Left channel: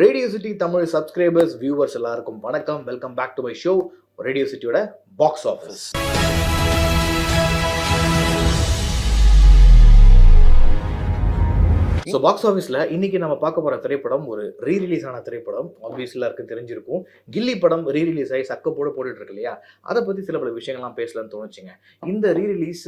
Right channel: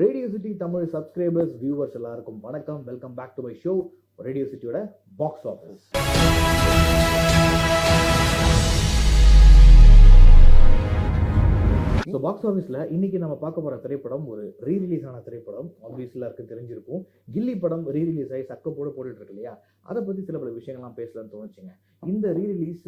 Radio City Tamil subscribers viewers எல்லாருக்கும் வணக்கம். Welcome back to my show Radio சிட்டியோட box office so box ஆஃபீஸில் இன்னைக்கு நம்ம பார்க்க போகிற திரைப்படம் ஒரு ரீ ரிலீஸ் ஆன திரைப்படம். ஆப்வியஸ்ல எல்லாருக்கும் தெரிஞ்சிருக்கும். கில்லி படம் ரீ ரிலீஸ் ஆகி சக்கப்போட போட்டுட்டு இருக்கு இல்லையா? அதை பற்றி சில பல விஷயங்கள்லாம் பேசலாம்னு தோணுச்சுங்க. இந்த ரீ ரிலீஸ்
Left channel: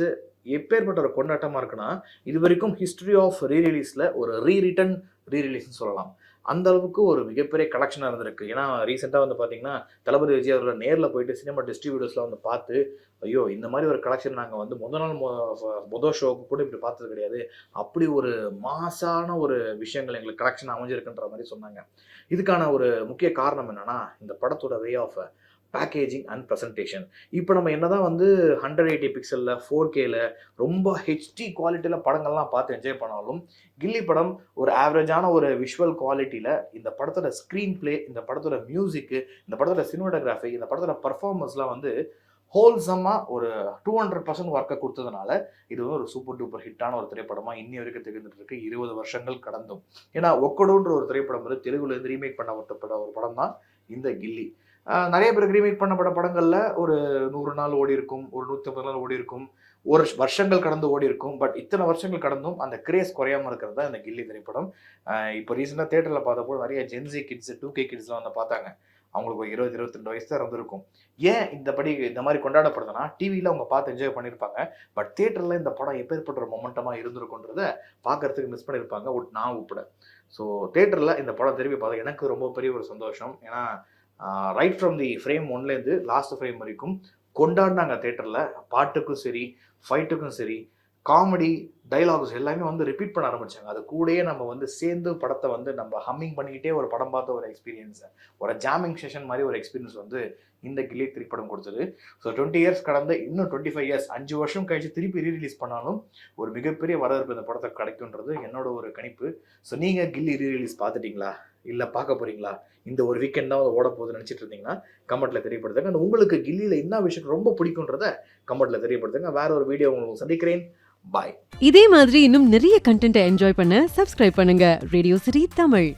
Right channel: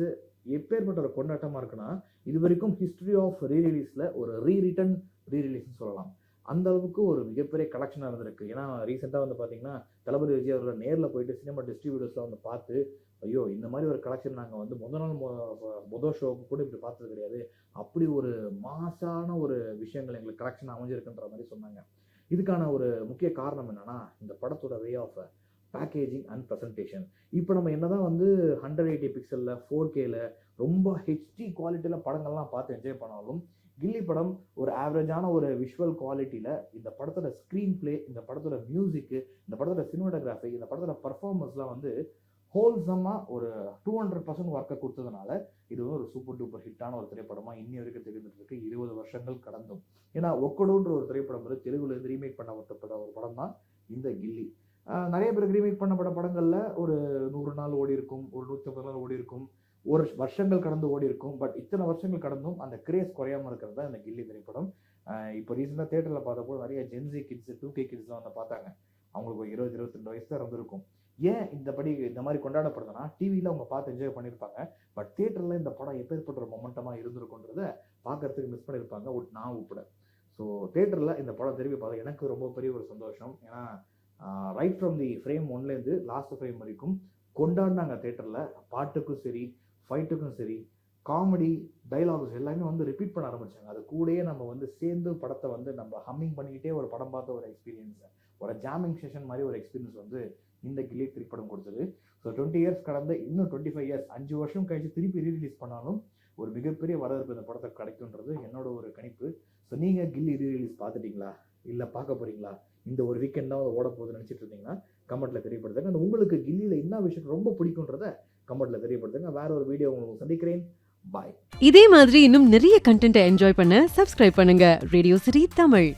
எப்பேற்பட்ட ஒரு கொண்டாட்டமாக இருக்குன்னா இது வரைக்கும் ஹிஸ்ட்ரி ஆஃப் ரீ ரிலீஸில் ஒரு ரீ ரிட்டன் ரீ ரிலீஸ்னு சொல்லலாம். அந்த அளவுக்கு ஒரு மிகப்பெரிய கலெக்ஷனாக இருந்திருக்கு. ஏன்னா ரீசெண்டாக வந்து பார்த்தீங்கன்னா தளபதி விஜய் அவர்களை நேரில் போயிட்டு சினிமா டிஸ்ட்ரிபியூட்டர்ஸ்லாம் வந்து பார்த்து ஐயோ இந்த மாதிரி ஒரு கலெக்ஷன் நாங்கள் வந்து முத நாள் மொ- ஷோவுக்கு ஷோக்கு கூட இப்படி பார்த்தது கிடையாது. அப்படி ஒரு மாசான ஒரு விஷயங்கள் எங்களுக்கு கலெக்ஷன் அமைஞ்சிருக்குன்ற மாதிரி சொன்னாங்க. இதுக்கான ஒரு முக்கிய காரணம் என்னன்னா இந்த படத்தோட way of packaging and presentation இப்போ நம்ம என்ன தான் வந்து ஹண்ட்ரட் எயிட்டி பிக்சலில் ஃபோர் கேல ரொம்ப ஹெச்டி குவாலிட்டியில் படங்கள்லாம் பார்த்து என்ஜாய் பண்ணாலும் கில்லி படம் ஒரு ஆவரேஜான ஒரு விஷுவல் குவாலிட்டியில் இந்த படத்தோட ஸ்க்ரீன் ப்ளே இந்த படத்தோட மியூசிக்கு இந்த படத்தோட சினிமாட்டோகிராஃபி இந்த படத்தோட பர்ஃபார்மன்ஸ்லாம் வந்து ஹோல்சமாக ஒரு டூ ஹண்ட்ரட் பர்சன்ட் ஒர்க்கை கொடுத்ததுனால இது வந்து ஒரு சூப்பர் டூப்பர் ஹிட்டான ஒரு திரைப்படமாக இன்னி வரைக்கும் திகழ்ந்துட்டு இருக்கு. இருபது வருஷங்கள் கடந்தும். ஏன்னா ஒக்கடுன்ற ஒரு திரைப்படம் வந்து தெலுங்குலேருந்து ரீமேக் பண்ண ஒரு படம் தான் இந்த கில்லி. நிறைய பேர் ரீமேக் பண்ணப்பட்ட படங்களில் ஒரு நூறு நாள் ஓடி இருக்கும் ஒரு நூற்றி ஐம்பது நாள் ஓடி இருக்கும் ஒரு வருஷங்கள் கடந்து ஓடி இருக்கும். பட் இத்தனை வருஷங்கள் கடந்தும் அந்த கிரேஸ் குறையாம இருக்கிறது தான் இந்த கில்லி திரைப்படம். இப்போ ரீசெண்டாக தேட்டரில் பார்த்தப்போ நிறைய Gen Z kids two K கிட்ஸ்லாம் வந்து பார்த்தாங்க. அவங்களுக்கு ஒரு இருபது இருபத்தி ரெண்டு வயசு தான் இருந்திருக்கும். ஏன் இந்த படி இந்த மாதிரி கொண்டாடப்படுதுன்னா டிவியில் அவங்க பார்த்து என்ஜாய் பண்ணியிருப்பாங்க. பட் தேட்டரில் இந்த படம் எப்பேற்பட்ட ஒரு மொமெண்டமாக இருந்திருக்குன்றத பார்க்கறதுக்கு மிஸ் பண்ணியிருப்பாங்க. உட்- நான் உட்பட. ஸோ தேட்டரில் இந்த படம் திரும்பி பார்த்தா எனக்கு ரொம்ப பெரிய ஒரு சந்தோஷம். ஏன்னா ரைட் ஃப்ரம் தி ஃப்ரேம் ஒன்லேருந்து லாஸ்ட் ஃப்ரேம் வரைக்கும் கொண்டாடினாங்க தேட்டரில் பாட்டுக்கும் சரி ஃபைட்டுக்கும் சரி காமெடி டைலாக்ஸ் எல்லாமே வந்து ரிப்பீட் பண்ண ஆரம்பிச்சாங்க. அது கூடயே நம்ம வந்து சேர்ந்து படத்தை வந்து நம்ம ஹம்மிங் பண்ணிக்கிட்டே ஒரு படம் பார்த்த ஒரு எக்ஸ்பீரியன்ஸை ஒரு ஜாமிங் செஷன் மாதிரி ஒரு எக்ஸ்பீரியன்ஸ் வந்து இந்த கிளி திரைப்படம் கொடுத்தது. ஸோ டுவெண்ட்டி இயர்ஸ் கடந்து இன்னும் டுவெண்ட்டி ஃபைவ் இயர்ஸ் அஞ்சு வருஷம் கழிச்சு திருப்பி ரீரிலீஸ் பண்ணாலும் ஒரு மிகப்பெரிய வரவேற்பு இந்த படத்தை கிடைக்குன்றது என்னோட ஒரு கணிப்பு. ஸோ நீங்கள் கில்லி ரீரிலீஸ் பார்த்துட்டீங்களா? இல்லை பார்க்க போகிறீங்களா இந்த ஒரு வீக்கெண்ட் தான் ஓட போகுது நினச்சிட்டு இருந்தீங்கன்னா கமெண்ட்டில் தெரியப்படுத்துங்க. உங்களுக்கு கில்லியில் என்ன விஷயம் ரொம்ப பிடிக்குன்றத கமெண்ட்டில் தெரியப்படுத்துங்க. வேற ஒரு வீடியோ உங்களுக்கு சந்திக்கிறேன். பாய் இதே மாதிரி இன்னும் நிறைய கண்டென்ட்டை என்ஜாய் பண்ண சப்ஸ்கிரைப் பண்ணுங்க. ரேடியோ சிரி தமிழ்